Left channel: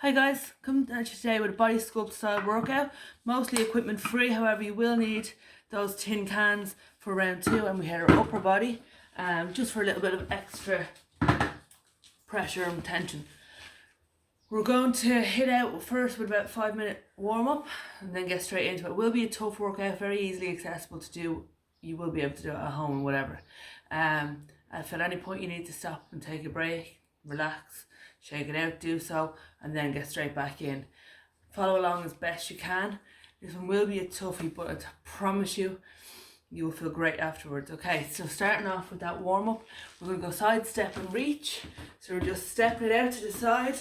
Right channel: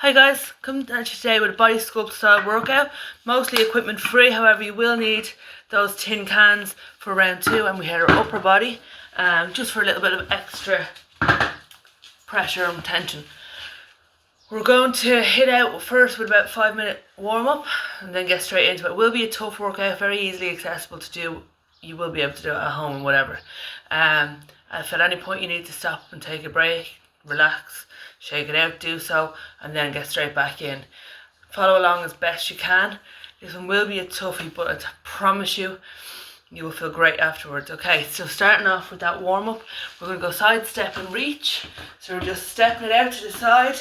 Hi guys, come at you today with a body sculpt style workout, mostly equipment free. However, you will need those tin cans for round 2, and we hit our upper body just for a little bit of extra pressure and tension. We're going to hit out first with about 5-minute warm up and then get straight into it. It will be a tough workout, very easily accessible to do. You will be able to do it at home and whatever. If at any point you need to stop and take a break, relax, shake it out, do so, and then get straight back in. Follow along as best you can. This one will be a toughie, but I promise you, you will feel great afterwards. Okay, so starting off with that warm up, we're going to go side step and reach. So we're just stepping it out to the side,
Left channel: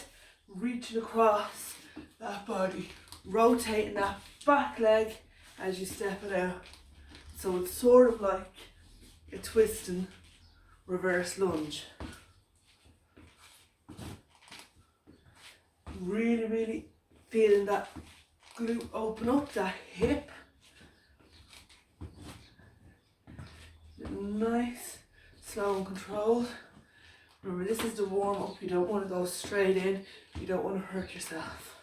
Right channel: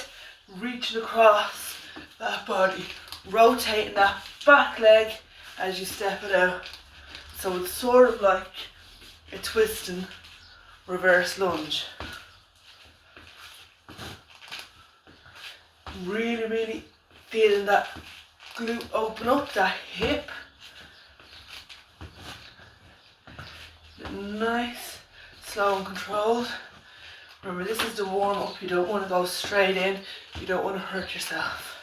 reaching across that body, rotating that back leg as you step it out. So it's sort of like a twisting reverse lunge. Really feeling that glute open up, that hip. Nice, slow and controlled. Remember, this is the warm up. You don't want to go straight in. You don't want to hurt yourself.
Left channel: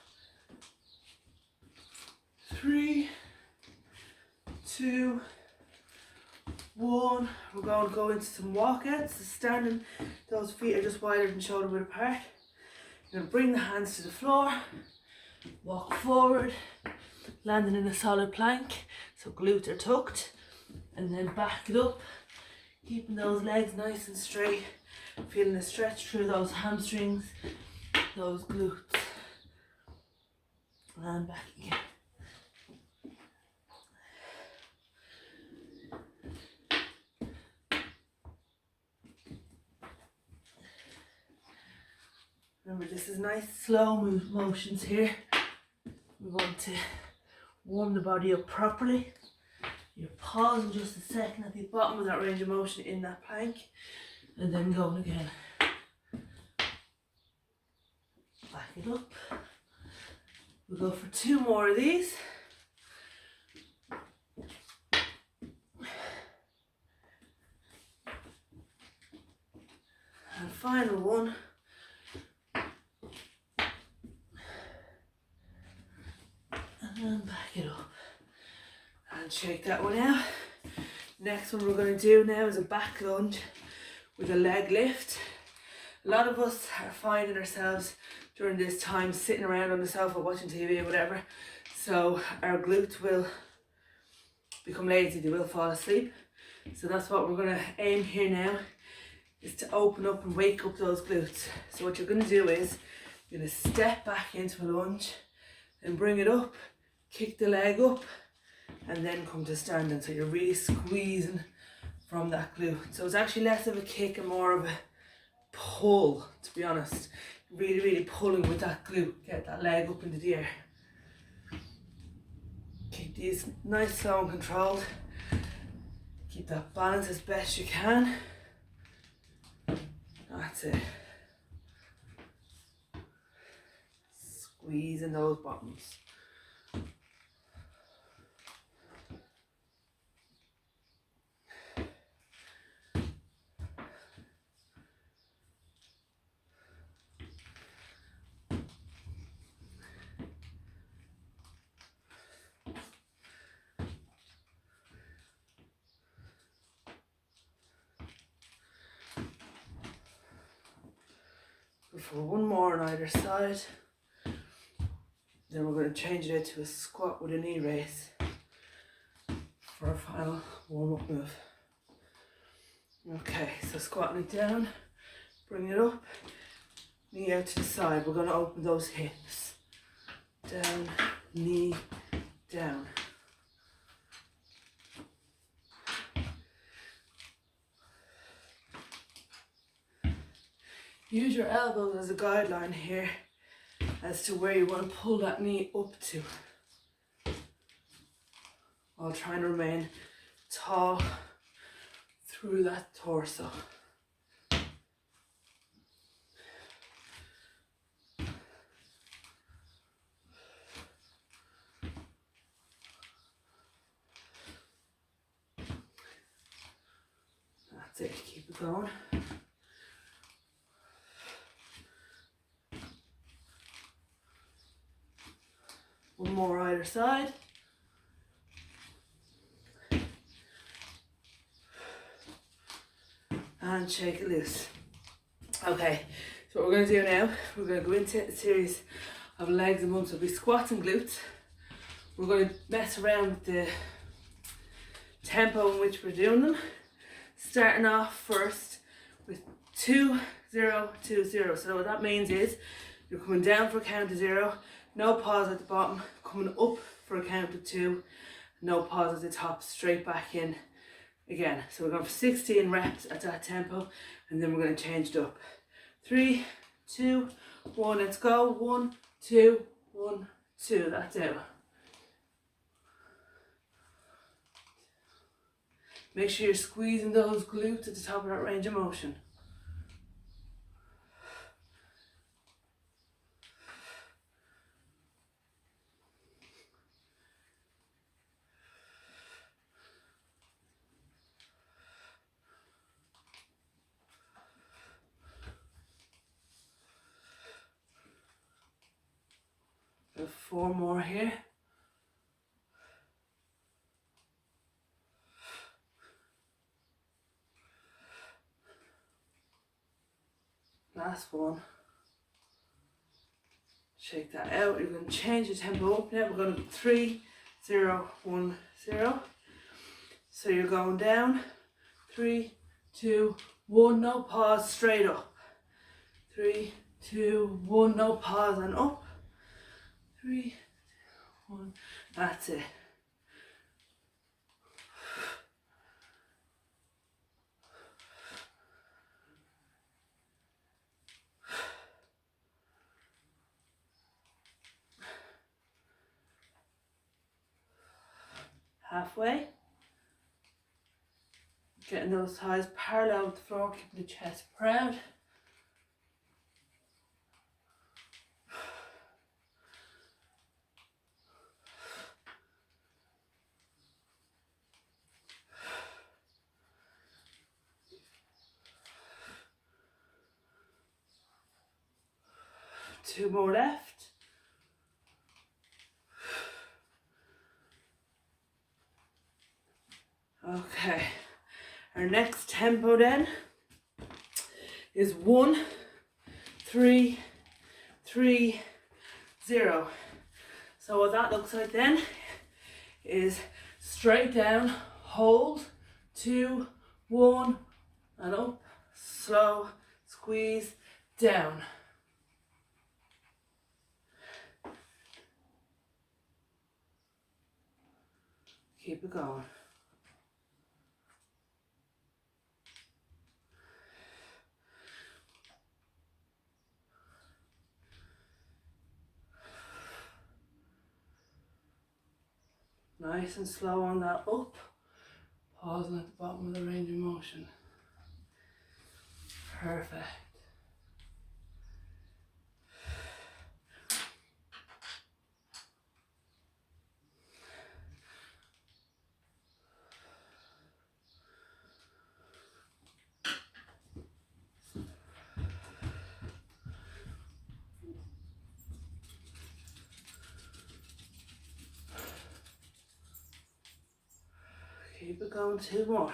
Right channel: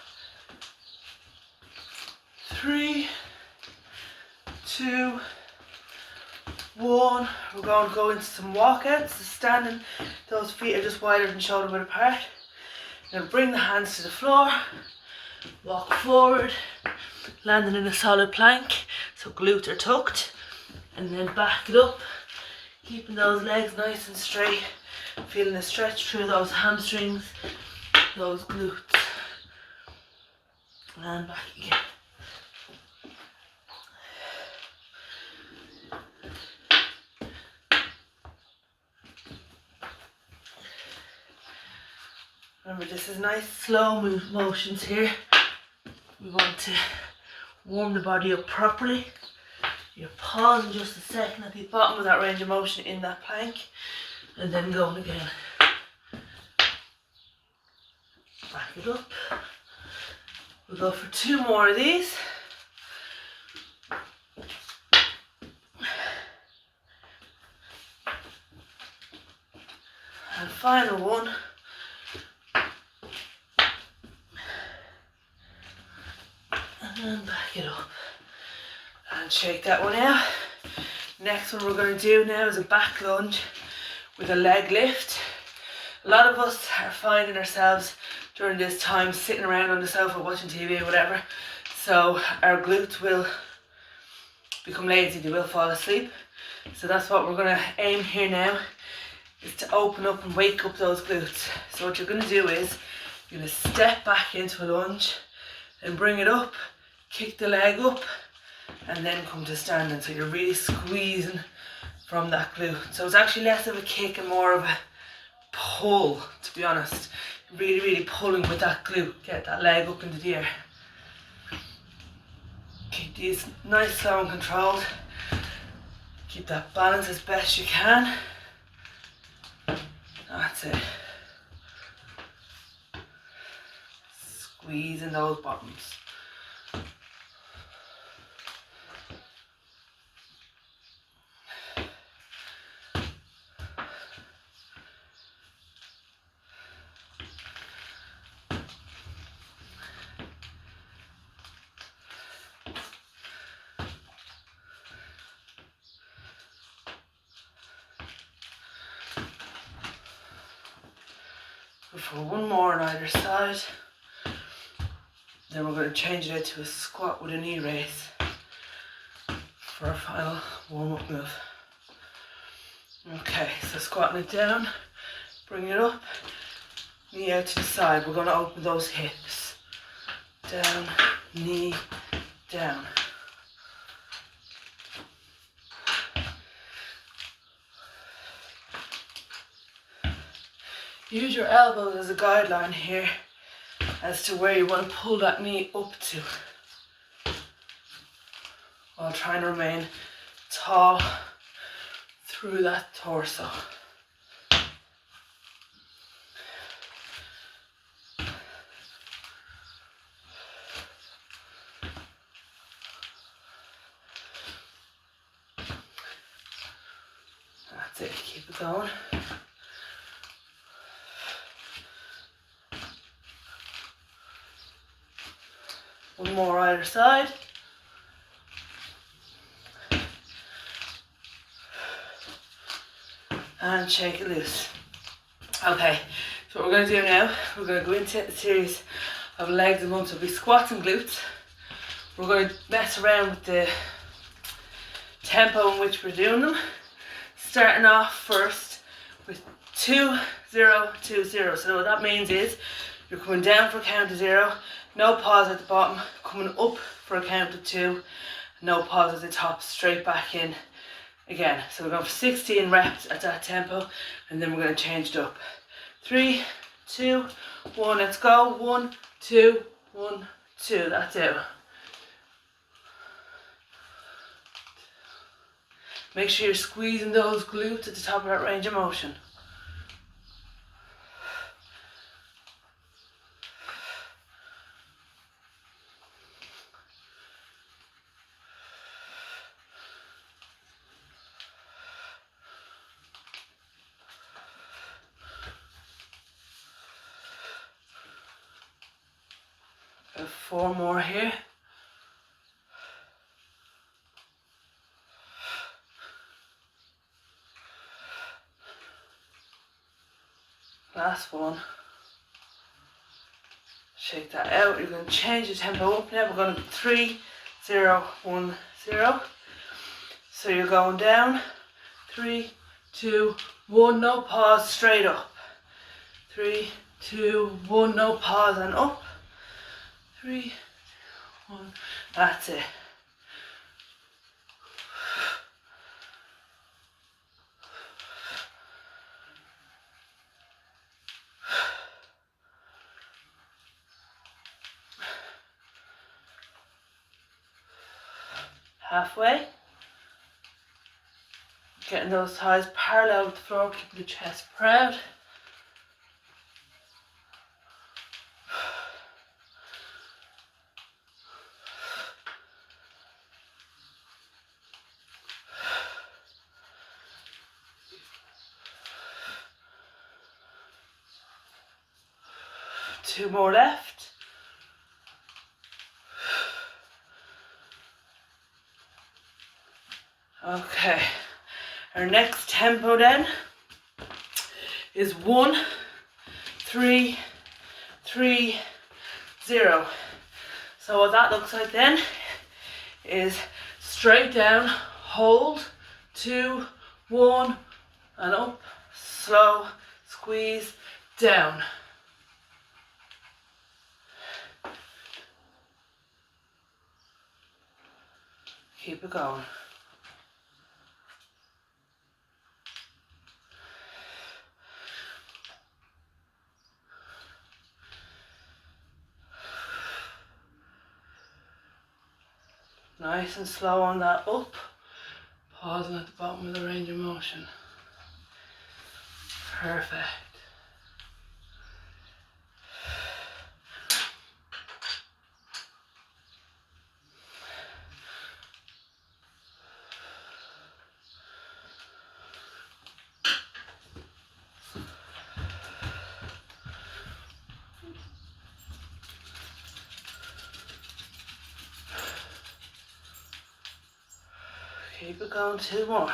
3, 2, 1. We're going to go into some walkouts. So standing, those feet are just wider than shoulder width apart. Then bring the hands to the floor, walk forward, landing in a solid plank, so glutes are tucked, and then back it up, keeping those legs nice and straight, feeling a stretch through those hamstrings, those glutes, and back again. Remember, this is nice slow motions here. We want to warm the body up properly. You're pausing just a second at the bottom of that range of motion in that plank, and then going again. Back it up. We'll go for 2 more of these. And final one. And back it up. And shake that one out. Next one we're going to do now is a back lunge with a leg lift. A lot of us are finding ourselves during this time sitting around on the sofa watching TV or whatever. So our glutes will become lazy, they will fall asleep. So that's what we're going to aim here now, is to open up and wake up those glutes. So what you're going to do is, you're going to step back into a lunge and bring it up, kick the leg up, and then come to standing. So you're really squeezing from that glute. So it's actually less of a kick and more of a pull, to be honest. Really pulling with that glute, get that leg up into the air. Keep these nice, slow and controlled. Keep that balance as best you can. That's it. Squeezing those bottoms. For 1 more on either side. Then we're going to change it out to a squat with a knee raise for our final warm-up move. Okay, so squatting it down, bring it up, knee out to the side. We're going to open those hips. Down, knee, down. Use your elbows as a guideline here as to where you want to pull that knee up to, while trying to remain tall through that torso. That's it, keep it going. One more either side. And shake it loose. Okay, so what we're going to do now, we're going to go into a series of legs and ones. So we'll be squats and glutes. We're going to mess around with the tempo in which we're doing them. Starting off first with 2, 0, 2, 0. So what that means is you're coming down for a count of 0, no pause at the bottom, coming up for a count of 2, no pause at the top, straight back in again. So we're going for 16 reps at that tempo, and then we're going to change it up. 3, 2, 1, let's go. 1, 2, 1, 2, that's it. Make sure you're squeezing those glutes at the top of that range of motion. Got 4 more here. Last one. Shake that out. You're going to change the tempo up now. We're going to 3, 0, 1, 0. So you're going down. 3, 2, 1. No pause. Straight up. 3, 2, 1. No pause and up. 3, 1. That's it. Halfway. Getting those thighs parallel with the floor, keeping the chest proud. Two more left. Okay, our next tempo then is 1, 3, 3, 0. So what that looks like then is straight down, hold, 2, 1, and up, slow, squeeze, down. Keep it going. Nice and slow on that up, pausing at the bottom of the range of motion. Perfect. Keep it going, 2 more.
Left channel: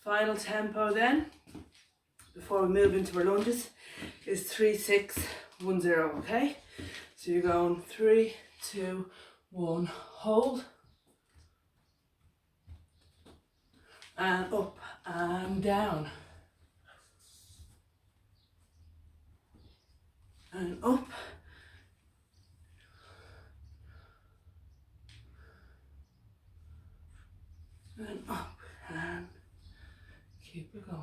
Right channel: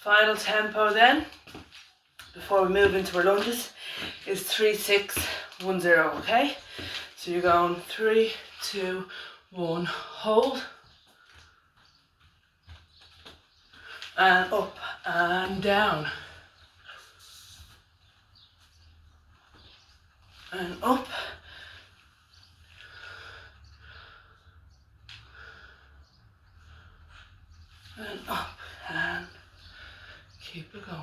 Final tempo then, before we move into our lunges, is 3, 6, 1, 0, okay? So you're going 3, 2, 1, hold, and up and down, and up, and up, and keep it going.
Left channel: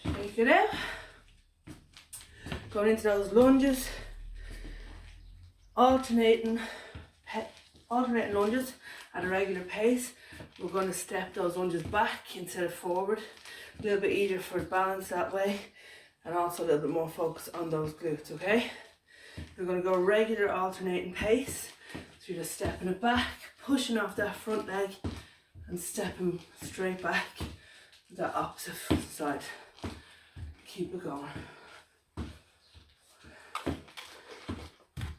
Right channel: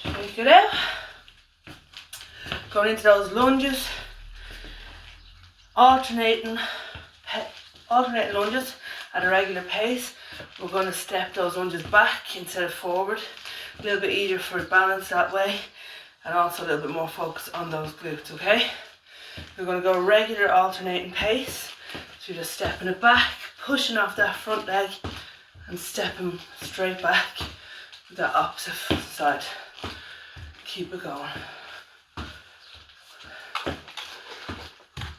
Shake Shake it out. Going into those lunges, alternating lunges at a regular pace. We're going to step those lunges back instead of forward. A little bit easier for balance that way, and also a little bit more focus on those glutes, okay? We're going to go regular alternating pace. So you're just stepping it back, pushing off that front leg, and stepping straight back to that opposite side. Keep it going.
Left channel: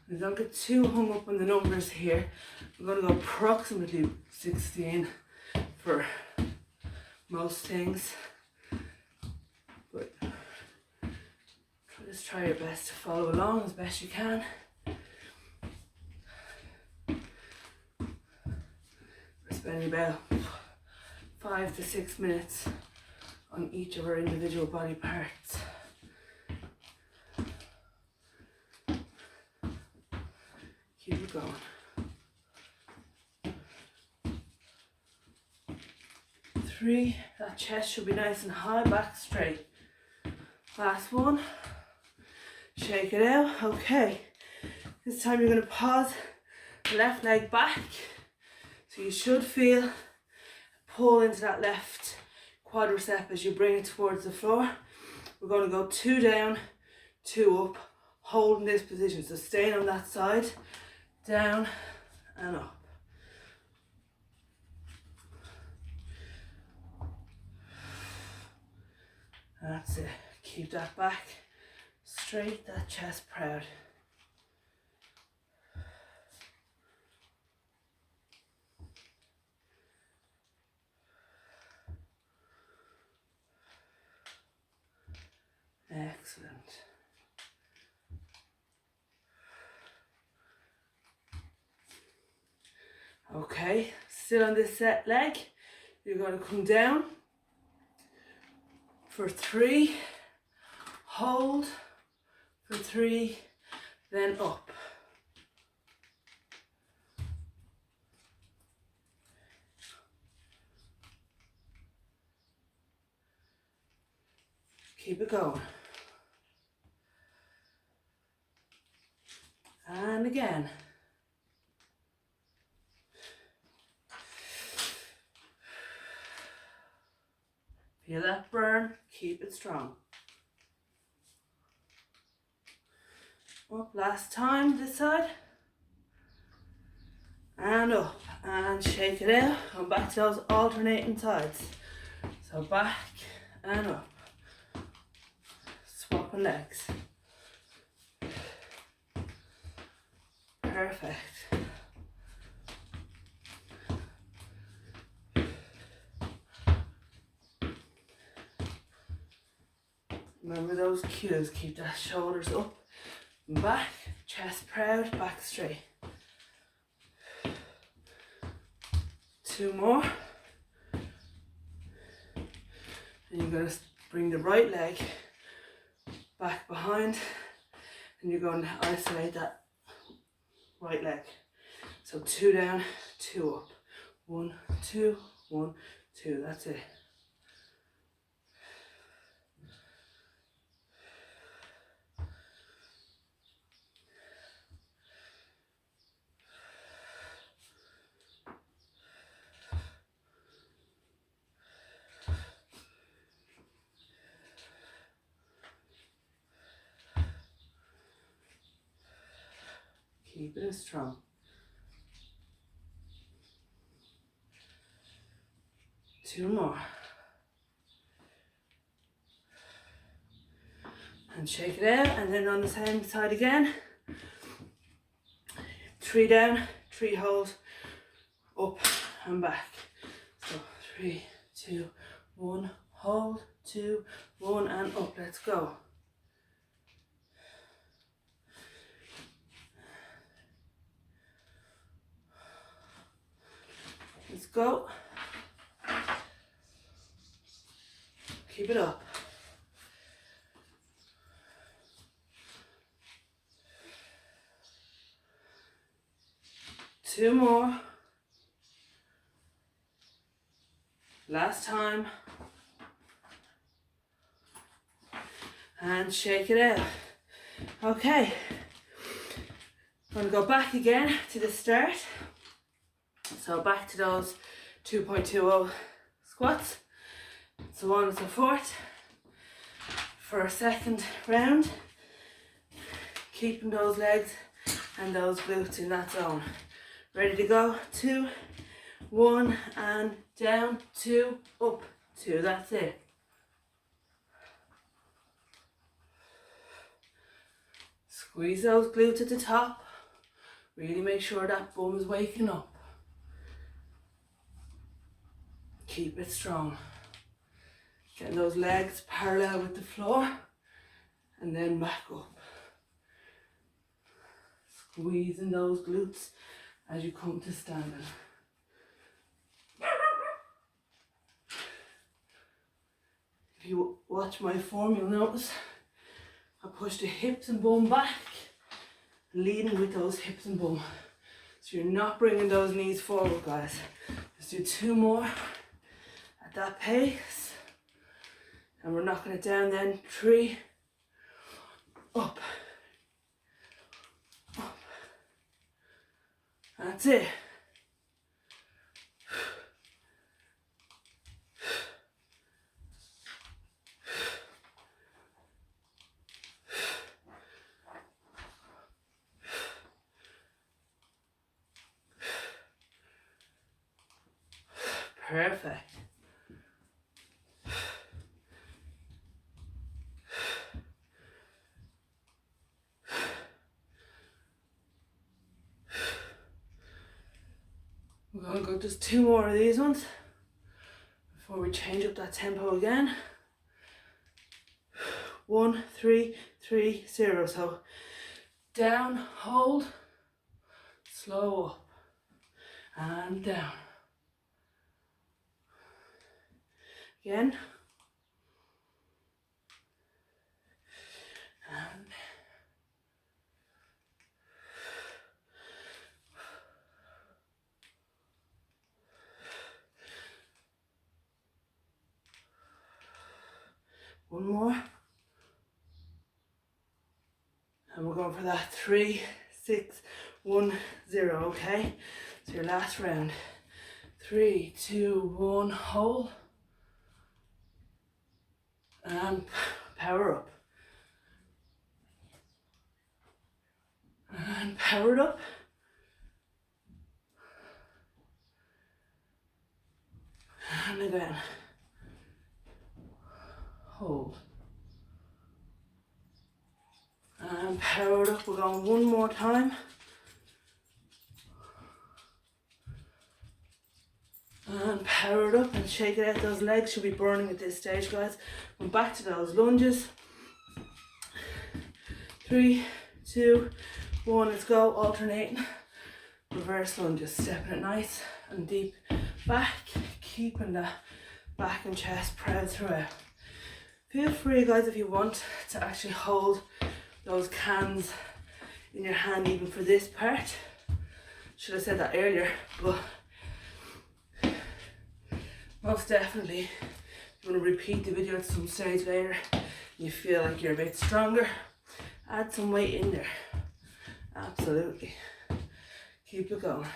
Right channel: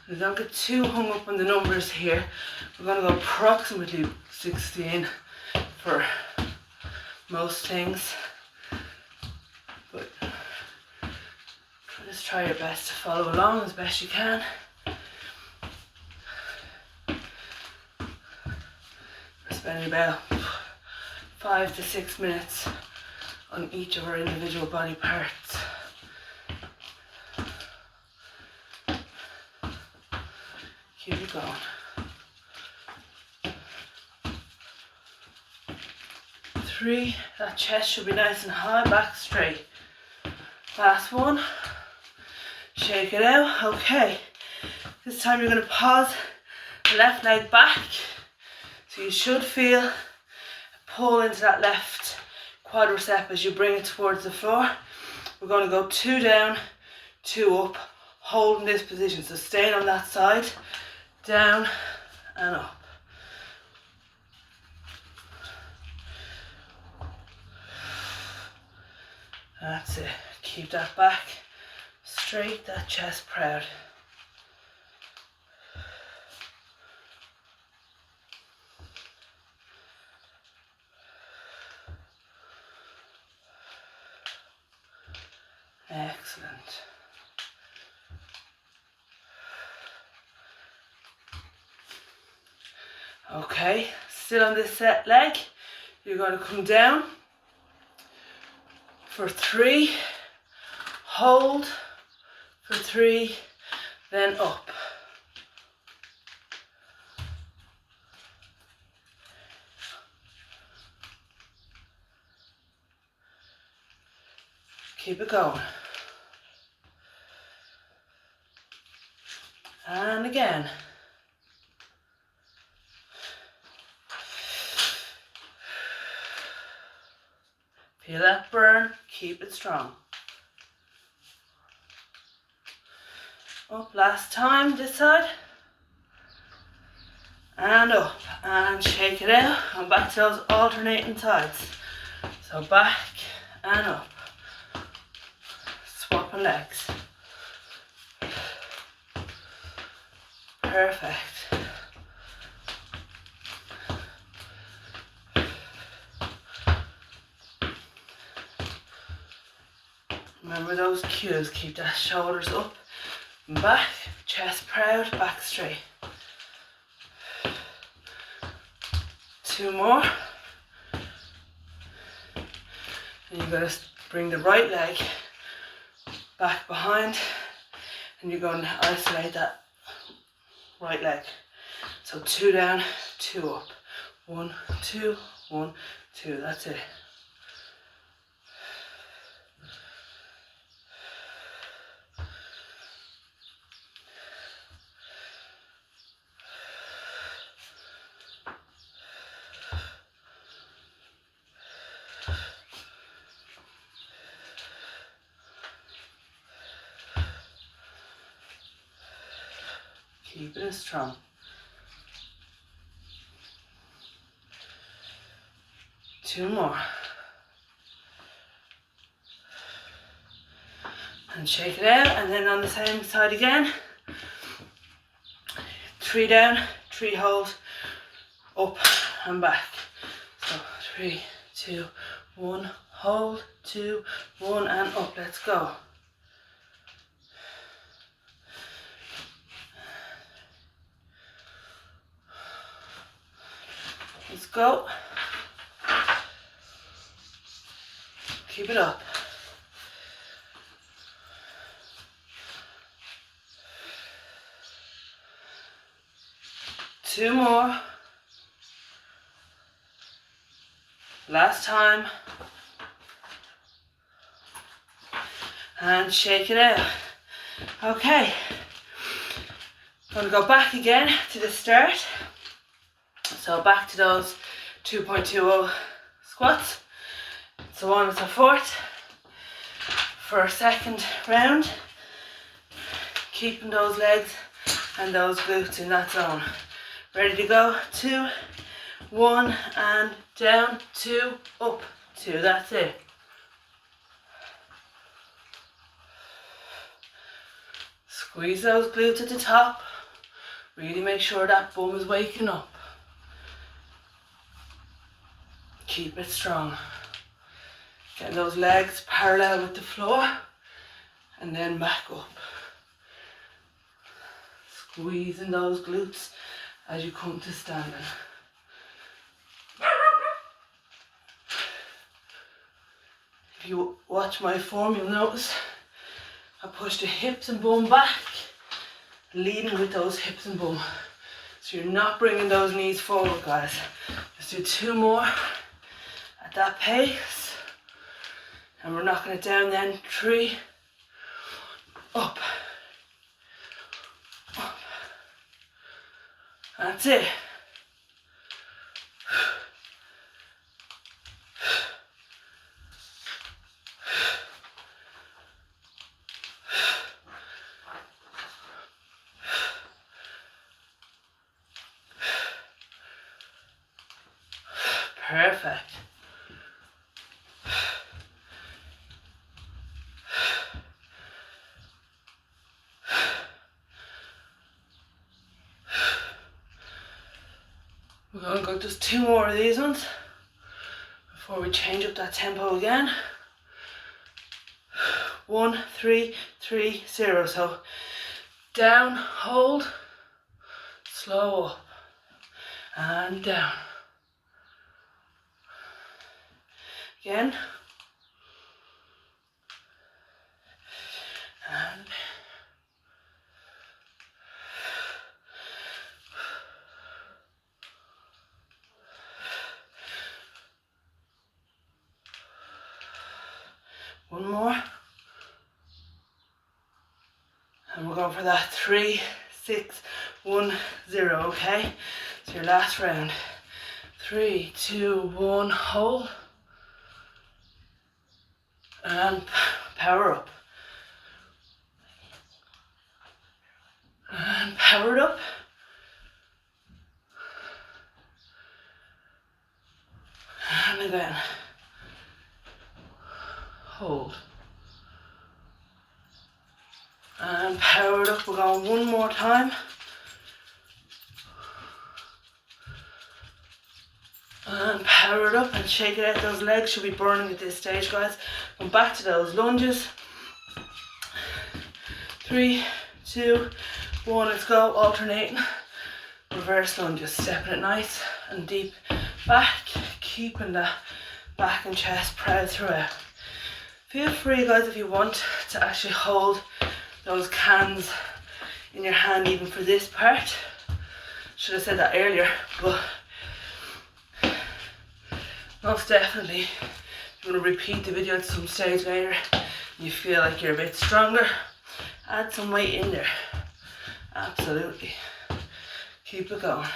And don't get too hung up on the numbers here. We're going to go approximately 16 for most things. But just try your best to follow along as best you can. We're spending about 5 to 6 minutes on each of our individual body parts. Keep it going. 3, that chest should be nice and high, back straight. Last one. Shake it out. Okay. This time you're going to pause the left leg back. So you should feel a pull into that left quadricep as you bring it towards the floor. We're going to go 2 down, 2 up, holding this position. So staying on that side, down and up. That's it. Keep that back straight, that chest proud. Excellent. Okay, still on this set leg, you're going to come down for 3, hold for 3, then up. Keep it going. And again. Feel that burn, keep it strong. Up, last time, this side. And up, and shake it out, and back to those alternating sides. So back and up. Swapping legs. Perfect. Remember those cues, keep that shoulders up and back, chest proud, back straight. 2 more. And you're going to bring the right leg back behind, and you're going to isolate that right leg. So 2 down, 2 up. 1, 2, 1, 2. That's it. Keep it strong. Two more. And shake it out, and then on the same side again. 3 down, 3 hold, up and back. So 3, 2, 1, hold, 2, 1, and up. Let's go. Let's go. Keep it up. Two more. Last time. and shake it out. Okay, I'm going to go back again to the start. So back to those 2.20 squats. So on to fourth for a second round, keeping those legs and those glutes in that zone. Ready to go? 2, 1, and down, 2, up, 2. That's it. Squeeze those glutes at the top. Really make sure that bum is waking up. Keep it strong. Getting those legs parallel with the floor and then back up. Squeezing those glutes as you come to standing. If you watch my form, you'll notice I push the hips and bum back, leading with those hips and bum. So you're not bringing those knees forward, guys. Just do 2 more at that pace. And we're knocking it down then. 3, up, up. That's it. Perfect. We're going to go just 2 more of these ones before we change up that tempo again. 1, 3, 3, 0. So down, hold, slow up, and down. Again. And one more. And we're going for that 3, 6, 1, 0, okay? So your last round. 3, 2, 1, hold. And power up. And power it up. And again. Hold. And power it up. We're going one more time. And power it up and shake it out. Those legs should be burning at this stage, guys. Come back to those lunges. 3, 2, 1, let's go. Alternating. Reverse lunges. Stepping it nice and deep back. Keeping that back and chest proud throughout. Feel free, guys, if you want to actually hold those cans in your hand even for this part. Should have said that earlier, but most definitely, if you want to repeat the video at some stage later, you feel like you're a bit stronger, add some weight in there. Absolutely. Keep it going.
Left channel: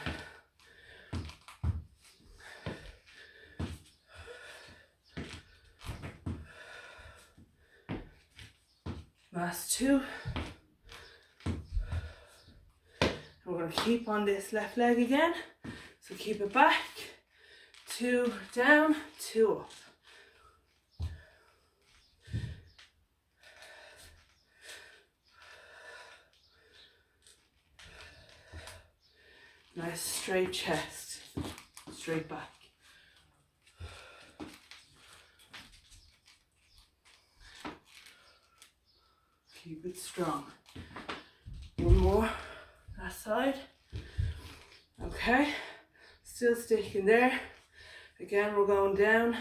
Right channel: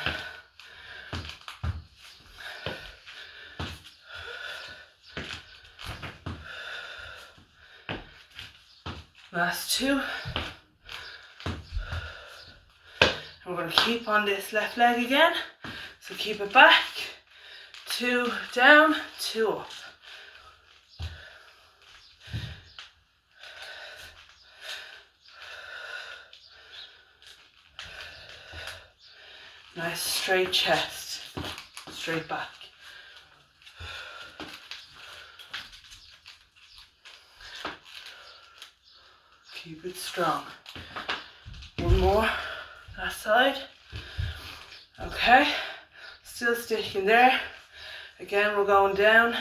Last 2. And we're going to keep on this left leg again. So keep it back. 2 down, 2 up. Nice straight chest, straight back. Keep it strong. One more, that side. Okay, still sticking there. Again, we're going down.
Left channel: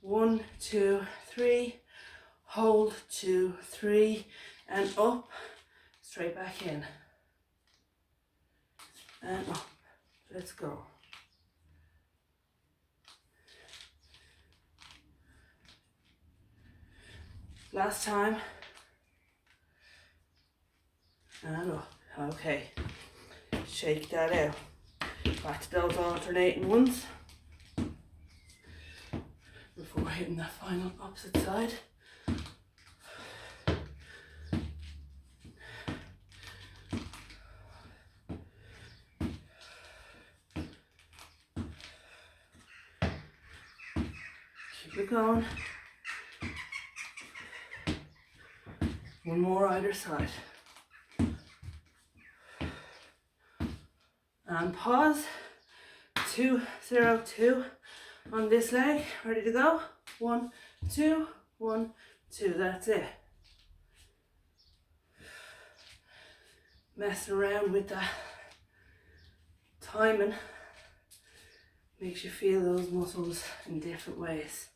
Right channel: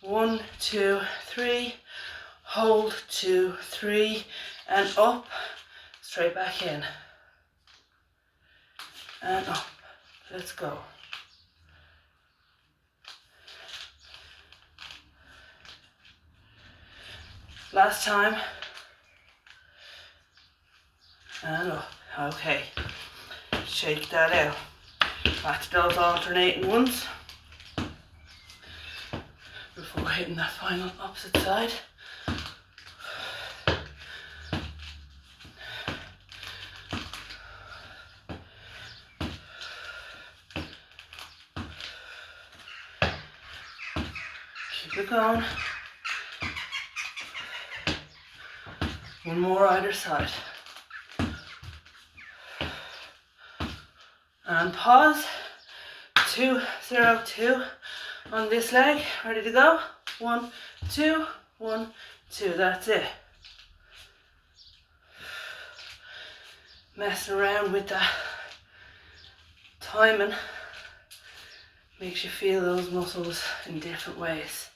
1, 2, 3. Hold, 2, 3. And up. Straight back in. And up. Let's go. Last time. And up. Okay. Shake that out. Back to those alternating ones. Before hitting that final opposite side. Keep it going. One more either side. And pause. 2, 0, 2 on this leg. Ready to go? 1, 2, 1, 2. That's it. Messing around with that timing makes you feel those muscles in different ways.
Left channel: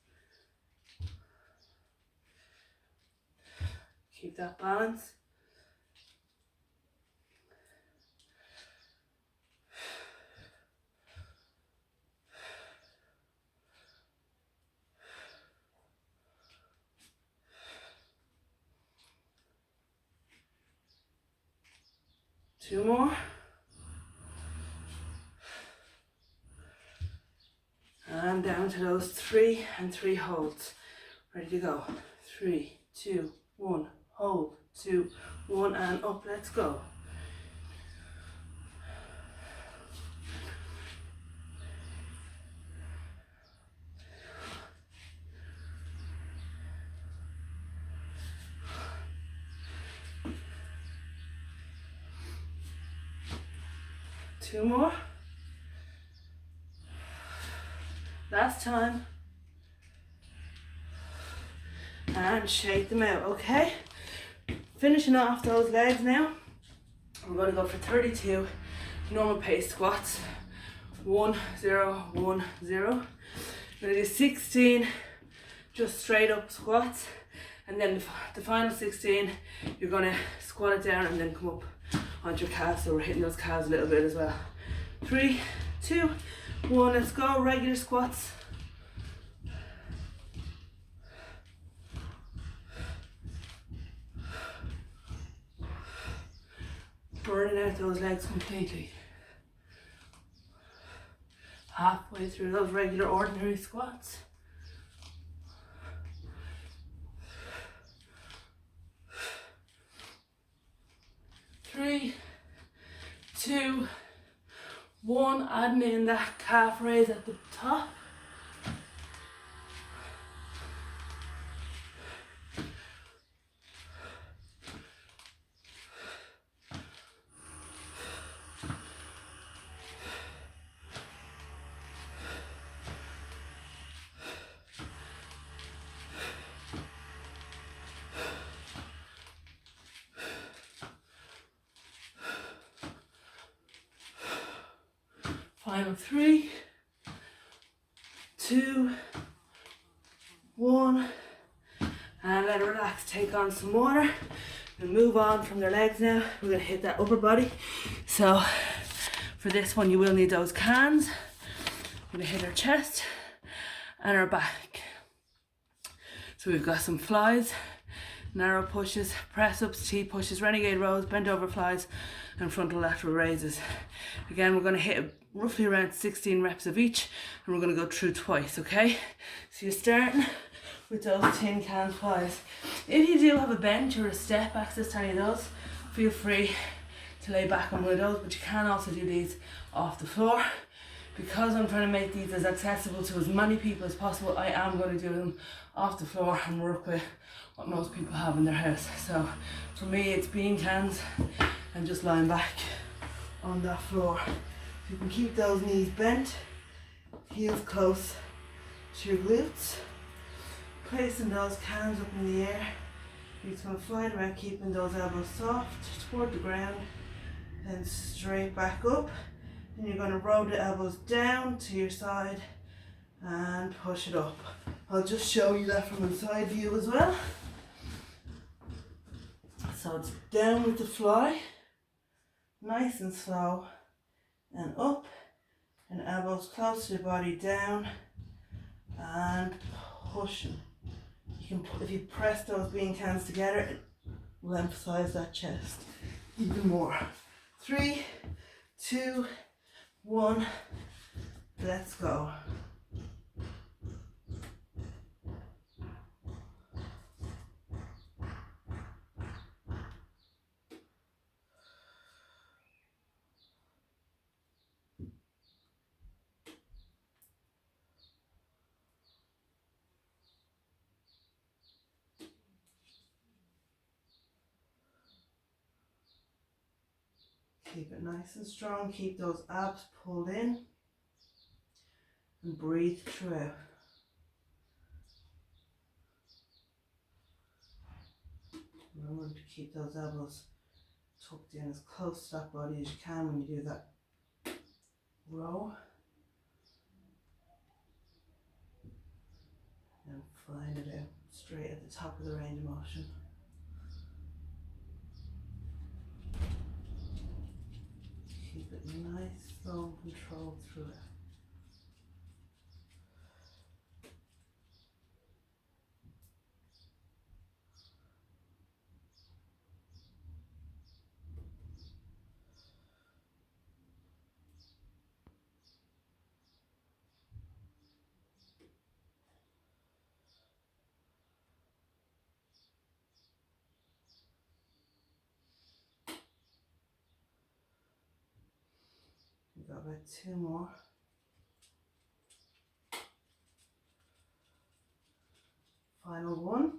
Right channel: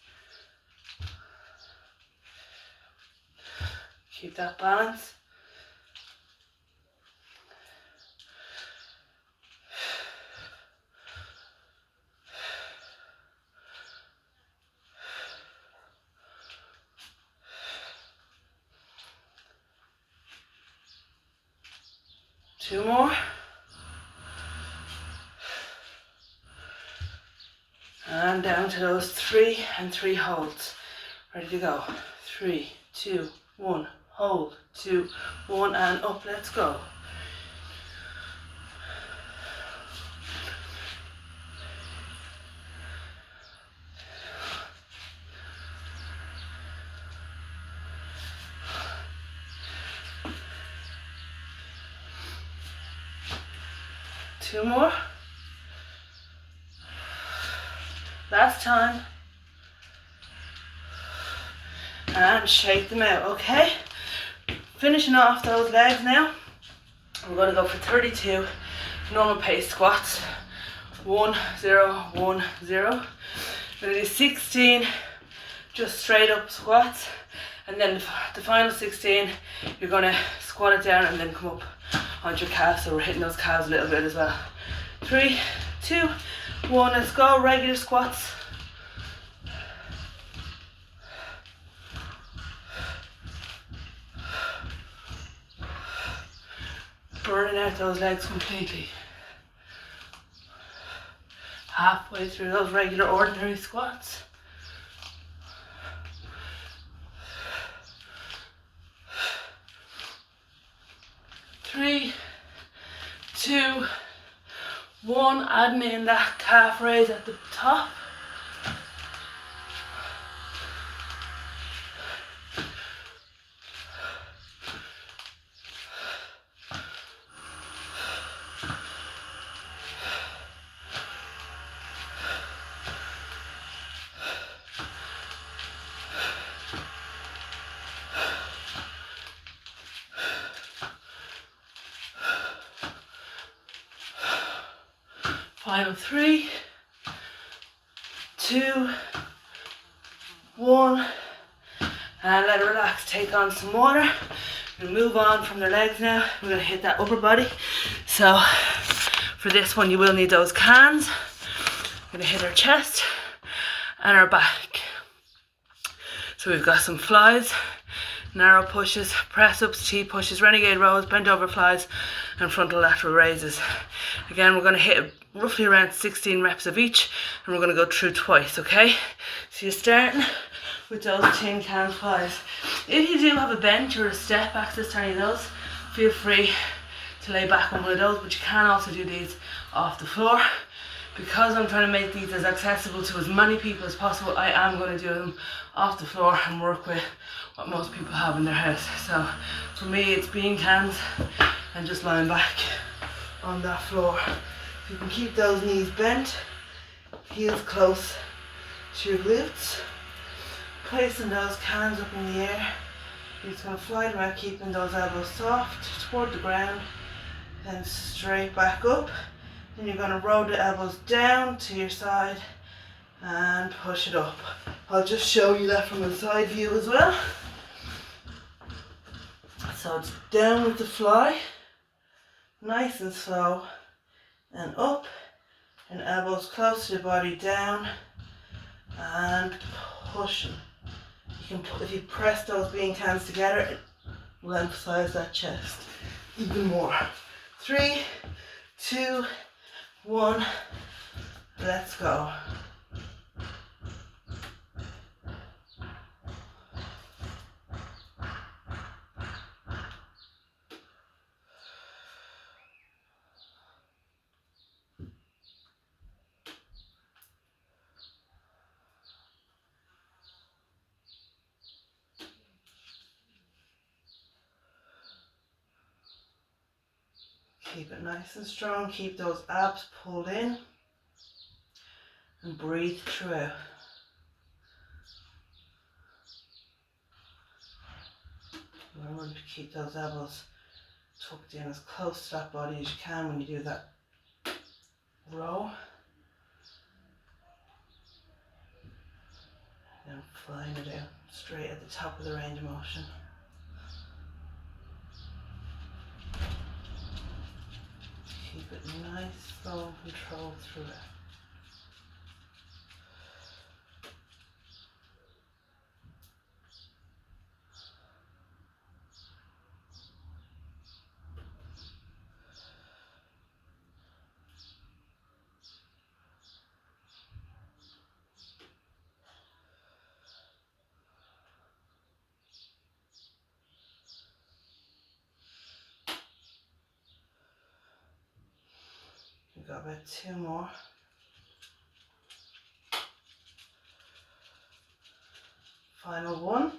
Keep that balance. Two more. And down to those 3 and 3 holds. Ready to go. 3, 2, 1. Hold. 2, 1 and up. Let's go. Two more. Last time. And shake them out, okay? Finishing off those legs now. I'm going to go for 32 normal pace squats. 1, 0, 1, 0. I'm going to do 16 just straight up squats. And then the final 16, you're going to squat it down and then come up onto your calves. So we're hitting those calves a little bit as well. 3, 2, 1, let's go. Regular squats. Burning out those legs completely. Halfway through those regular ordinary squats. Three, 2, 1, adding in that calf raise at the top. Final 3, 2, 1, and let it relax. Take on some water. We'll move on from the legs now. We're going to hit that upper body. So for this one, you will need those cans. We're going to hit our chest and our back. So we've got some flies, narrow pushes, press ups, T pushes, renegade rows, bent over flies, and frontal lateral raises. Again, we're going to hit roughly around 16 reps of each, and we're going to go through twice, okay? So you're starting with those tin can flies. If you do have a bench or a step access to any of those, feel free to lay back on one of those, but you can also do these off the floor. Because I'm trying to make these as accessible to as many people as possible, I am going to do them off the floor and work with what most people have in their house. So for me, it's bean cans and just lying back on that floor. You can keep those knees bent, heels close to your glutes. Placing those cans up in the air. You're just going to fly them out, keeping those elbows soft toward the ground, then straight back up. Then you're going to roll the elbows down to your side and push it up. I'll just show you that from a side view as well. So it's down with the fly, nice and slow, and up, and elbows close to the body, down, and pushing. if you press those bean cans together, it will emphasize that chest even more. 3, 2, 1, let's go. Keep it nice and strong, keep those abs pulled in and breathe through. Remember to keep those elbows tucked in as close to that body as you can when you do that row. And flying it out straight at the top of the range of motion. Keep it nice, slow, control through it. We've got about 2 more. Final one.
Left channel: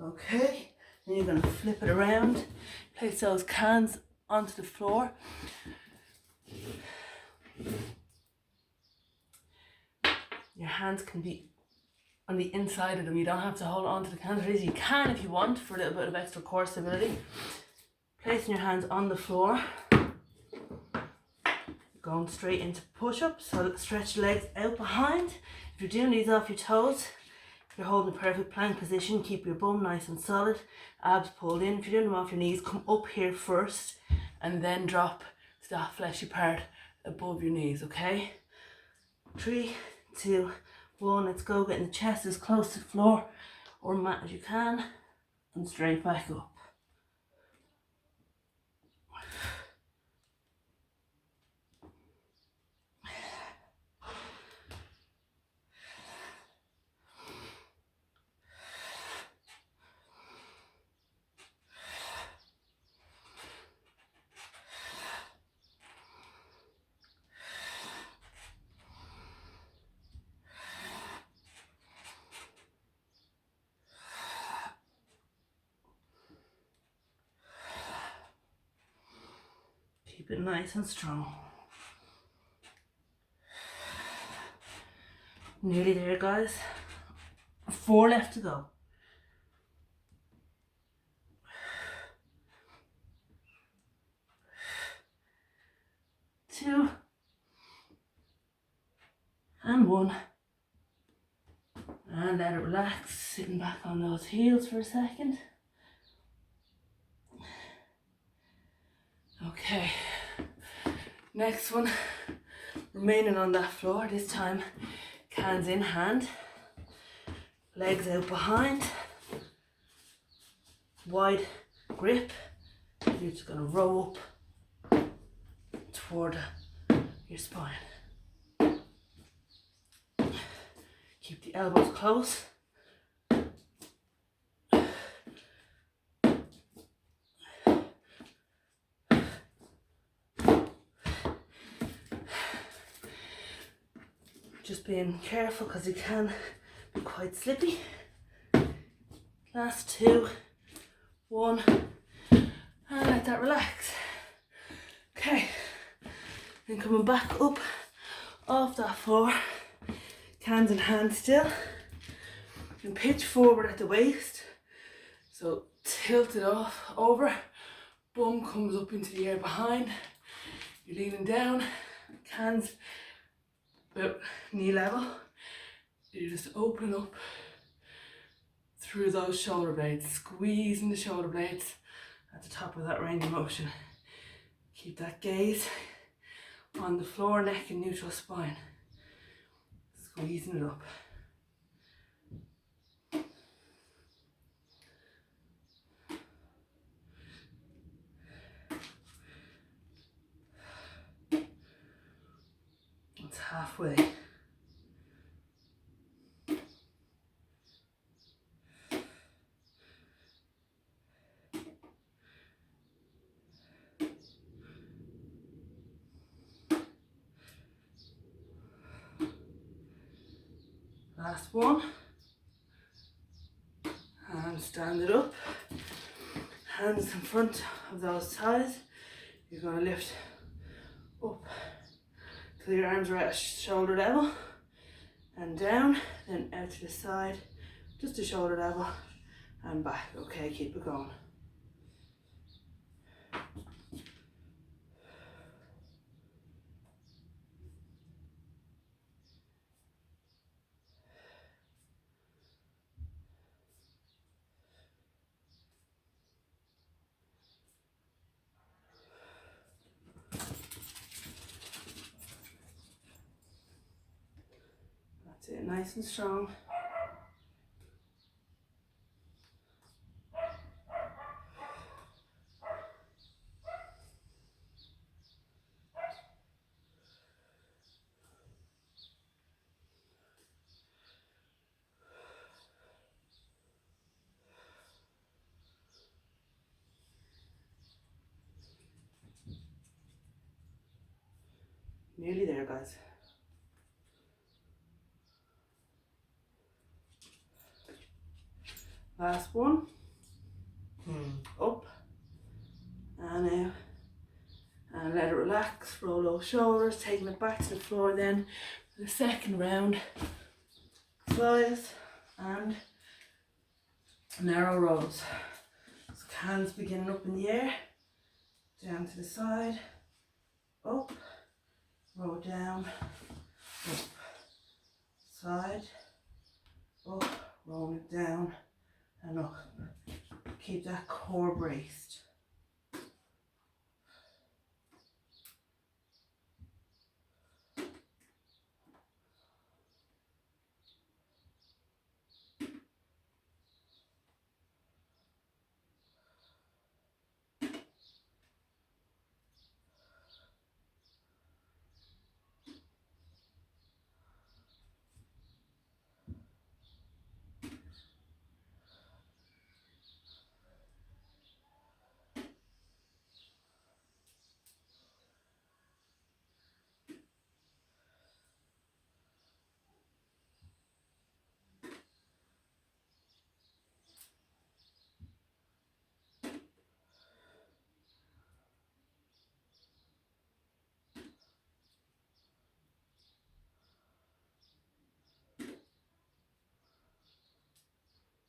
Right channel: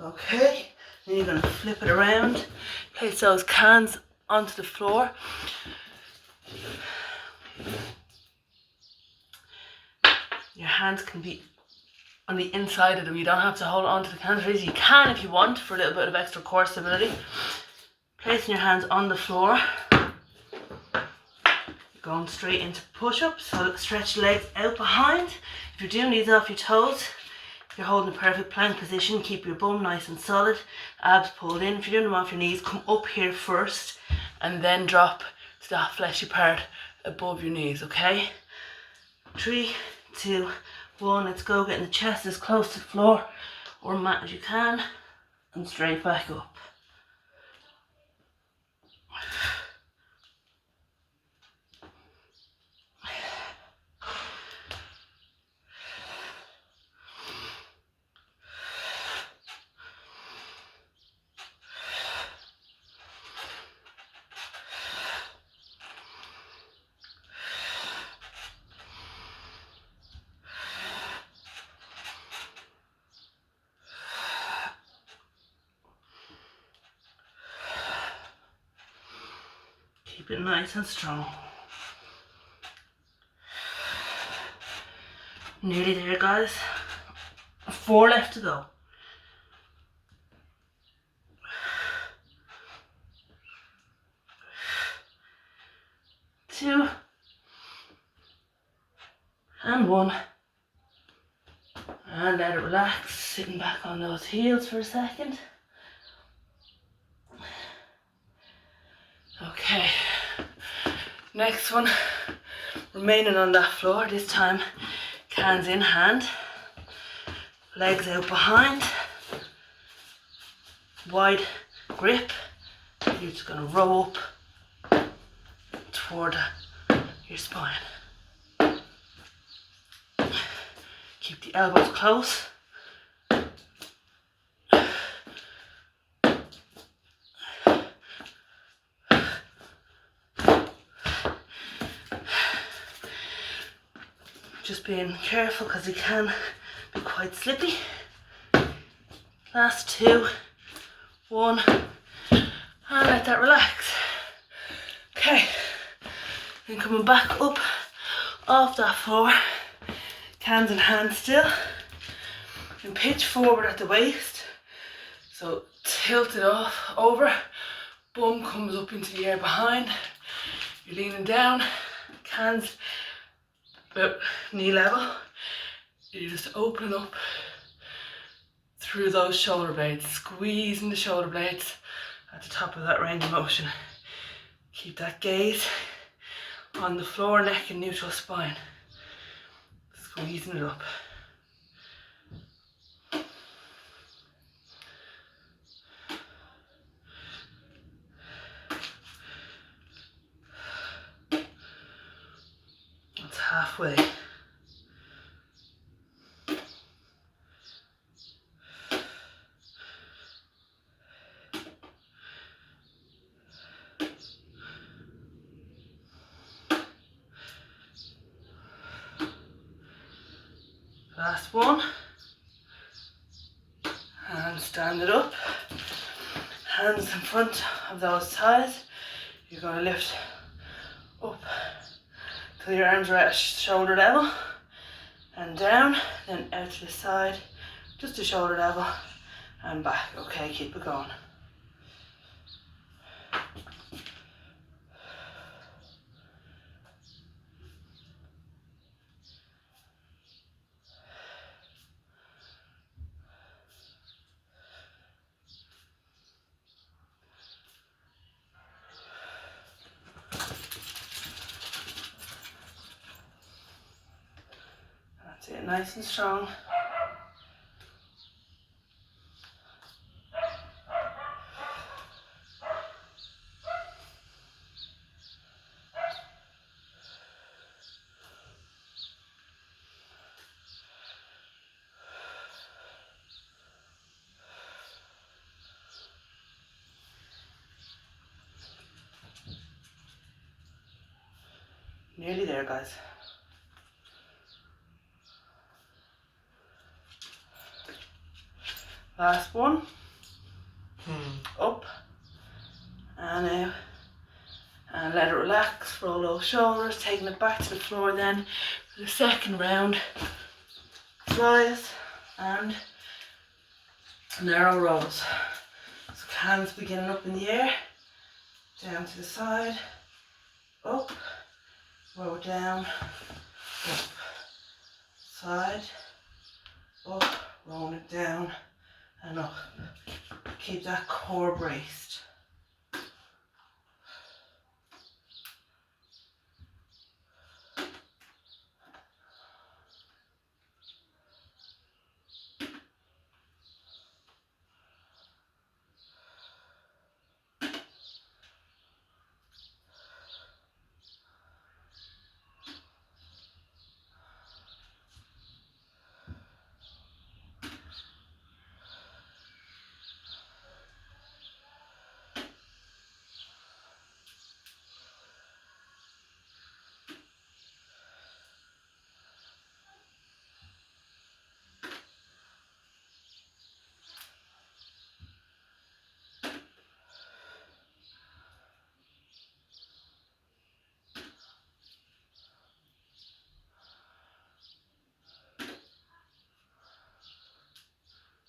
Okay, then you're going to flip it around, place those cans onto the floor. Your hands can be on the inside of them. You don't have to hold on to the cans. You can if you want for a little bit of extra core stability. Placing your hands on the floor. Going straight into push-ups, so stretch the legs out behind. If you're doing these off your toes, you're holding a perfect plank position. Keep your bum nice and solid, abs pulled in. If you're doing them off your knees, come up here first and then drop to that fleshy part above your knees, okay? 3, 2, 1, let's go. Getting the chest as close to the floor or mat as you can and straight back up. Keep it nice and strong. Nearly there, guys. 4 left to go. 2 and 1. And let it relax, sitting back on those heels for a second. Okay, next one, remaining on that floor, this time cans in hand, legs out behind, wide grip. You're just going to row up toward your spine. Keep the elbows close. Just being careful because it can be quite slippy. Last 2, 1, and let that relax. Okay, then coming back up off that floor, hands in hand still, and pitch forward at the waist. So tilt it off over, bum comes up into the air behind. You're leaning down, hands about knee level. You're just opening up through those shoulder blades, squeezing the shoulder blades at the top of that range of motion. Keep that gaze on the floor, neck and neutral spine. easing it up. It's halfway. Last one. And stand it up. Hands in front of those thighs. You're going to lift up till your arms are at shoulder level. And down, then out to the side, just to shoulder level, and back. Okay, keep it going. That's it, nice and strong. Nearly there, guys. Last one. Up and out. And let it relax. Roll those shoulders, taking it back to the floor then for the second round. Flies and narrow rows. So hands beginning up in the air, down to the side, up, roll down, up, side, up, roll it down and up. Keep that core braced.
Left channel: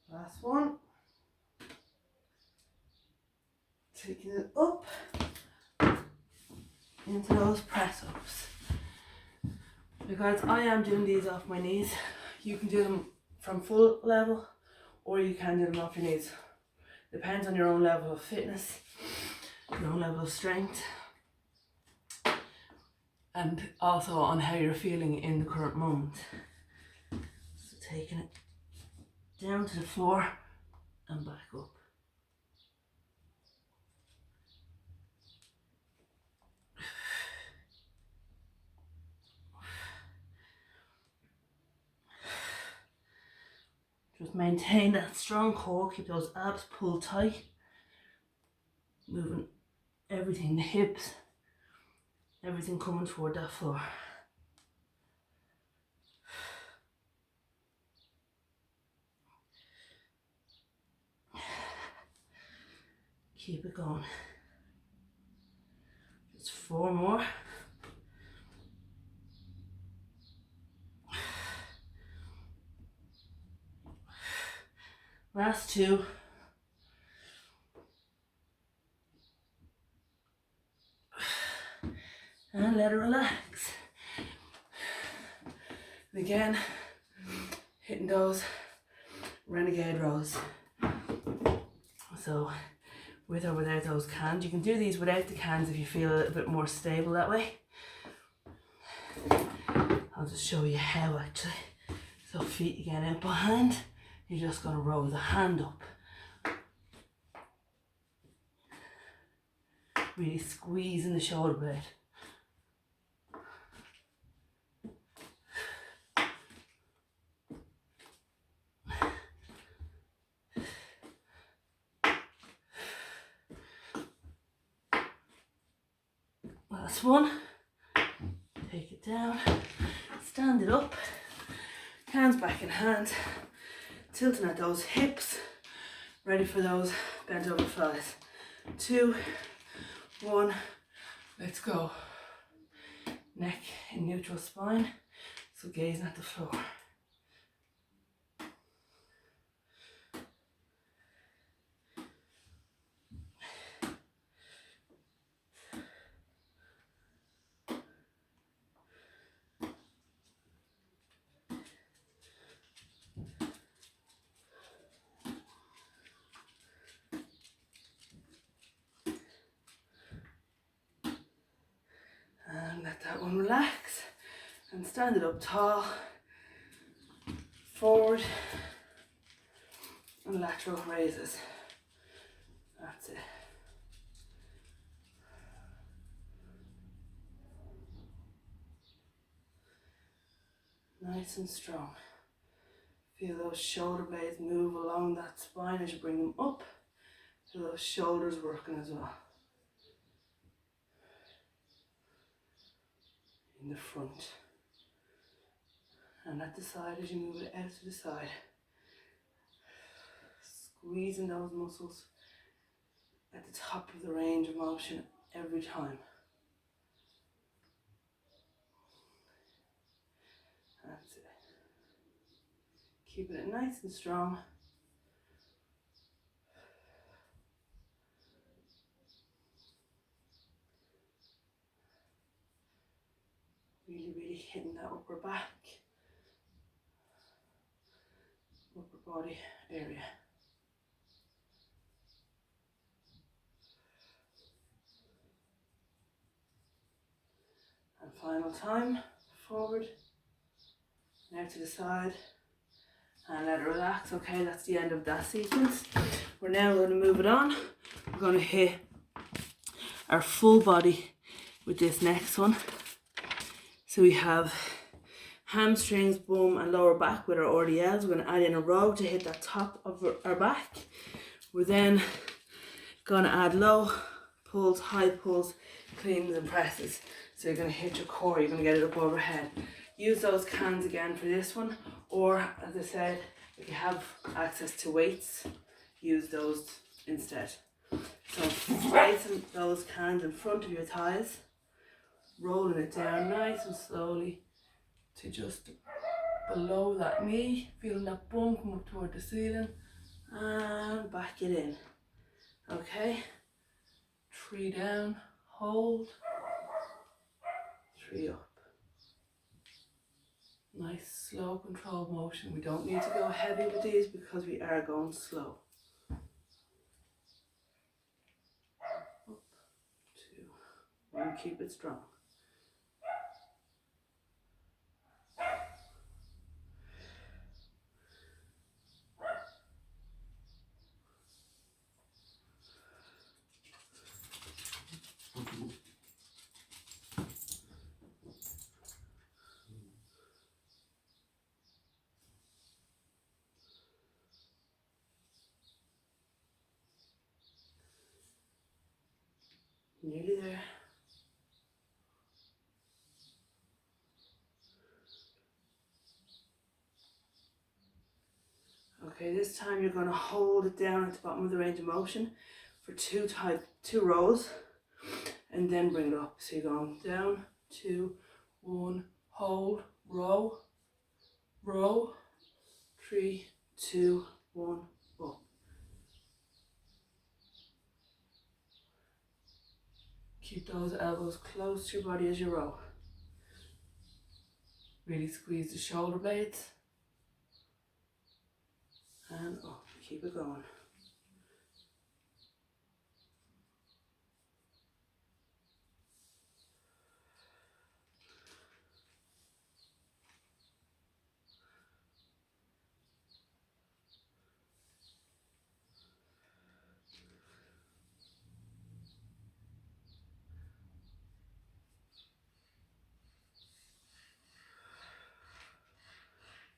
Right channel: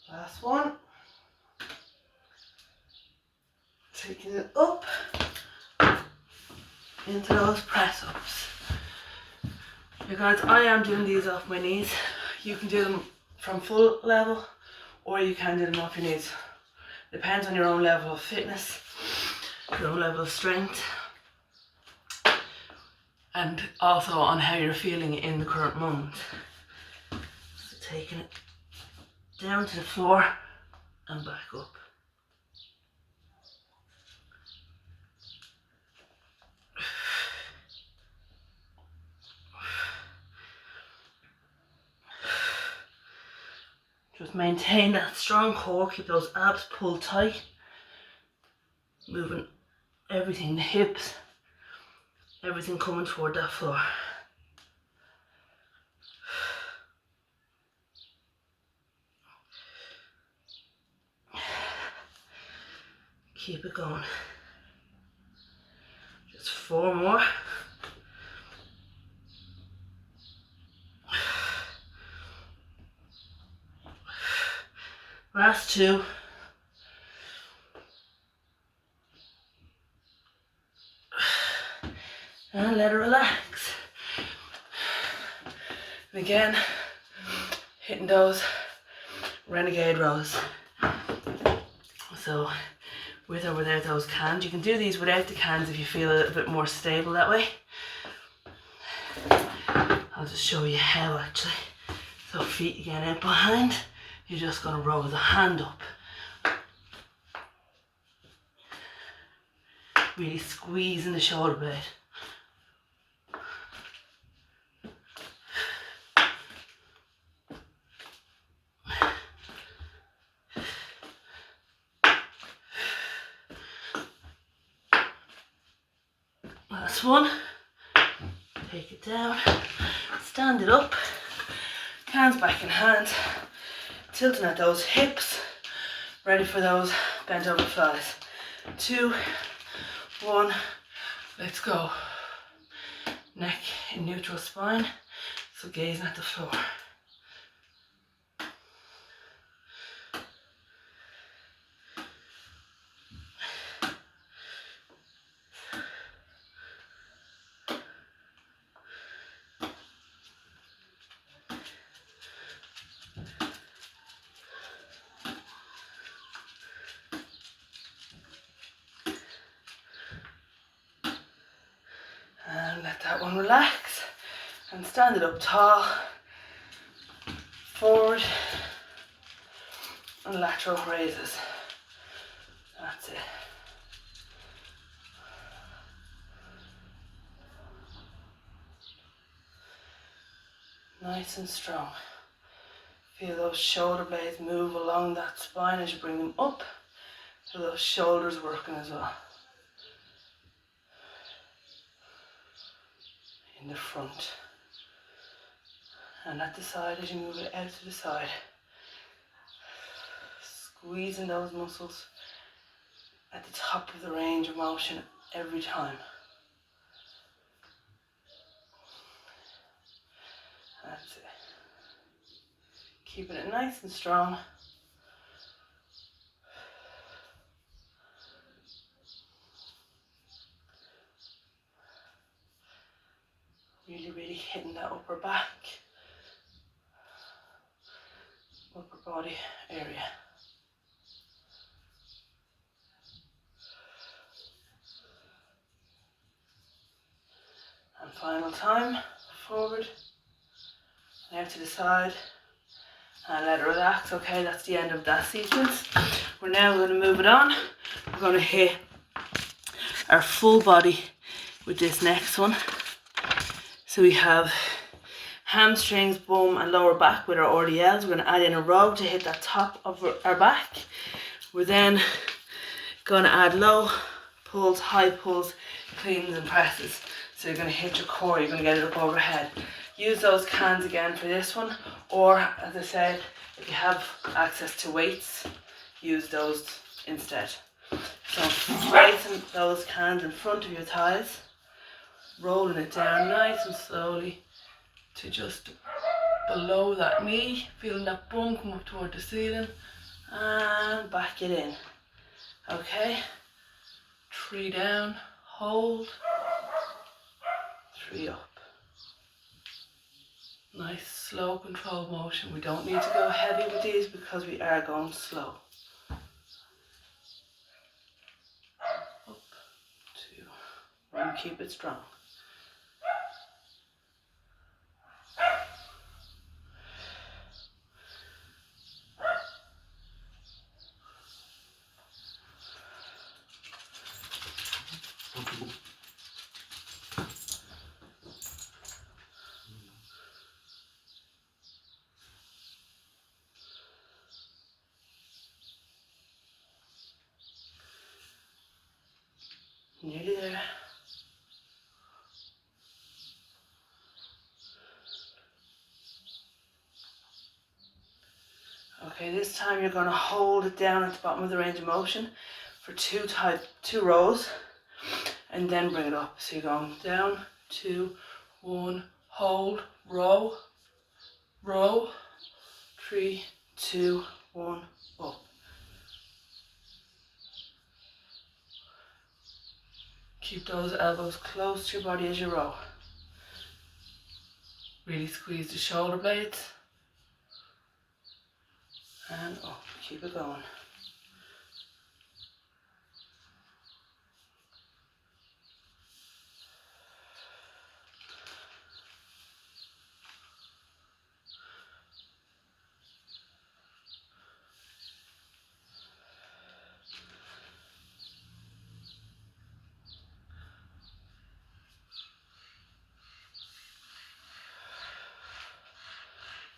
Last one. Taking it up into those press ups. Because I am doing these off my knees. You can do them from full level or you can do them off your knees. Depends on your own level of fitness, your own level of strength, and also on how you're feeling in the current moment. So taking it down to the floor and back up. Just maintain that strong core, keep those abs pulled tight, moving everything, the hips, everything coming toward that floor. Keep it going. Just 4 more. Last 2. And let it relax. And again, hitting those renegade rows. So with or without those cans. You can do these without the cans if you feel a little bit more stable that way. I'll I'll just show you how actually. So feet again out behind. You're just going to roll the hand up. Really squeezing the shoulder blade. Last one. Take it down. Stand it up. Hands back in hand. Tilting at those hips. Ready for those bent over thighs. 2, 1, let's go. Neck in neutral spine, so gazing at the floor. And let that one relax. And stand it up tall. Forward. And lateral raises. That's it. Nice and strong. Feel those shoulder blades move along that spine as you bring them up. Feel those shoulders working as well. In the front. And at the side as you move it out to the side. Squeezing those muscles at the top of the range of motion every time. That's it. Keeping it nice and strong. Really hitting that upper back, upper body area. And final time, forward, and out to the side, and let it relax. Okay, that's the end of that sequence. We're now going to move it on. We're going to hit our full body with this next one. So we have hamstrings, bum and lower back with our RDLs. We're going to add in a row to hit that top of our back. We're then going to add low pulls, high pulls, cleans and presses. So you're going to hit your core, you're going to get it up overhead. Use those cans again for this one, or as I said, if you have access to weights, use those instead. So placing those cans in front of your thighs, rolling it down nice and slowly to just below that knee, feeling that bum come up toward the ceiling, and back it in. Okay, 3 down, hold, 3 up. Nice slow controlled motion. We don't need to go heavy with these because we are going slow. Up, 2, 1, keep it strong. Nearly there. Okay, this time you're going to hold it down at the bottom of the range of motion for 2 rows, and then bring it up. So you're going down, 2, 1, hold, row, row, 3, 2, 1, up. Keep those elbows close to your body as you row. Really squeeze the shoulder blades. And up, keep it going.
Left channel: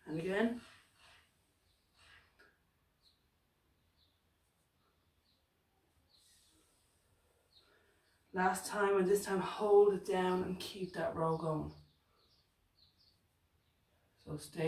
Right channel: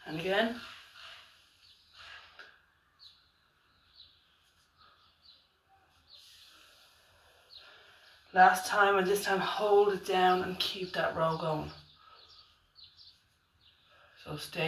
And again. Last time, and this time hold it down and keep that row going. So stay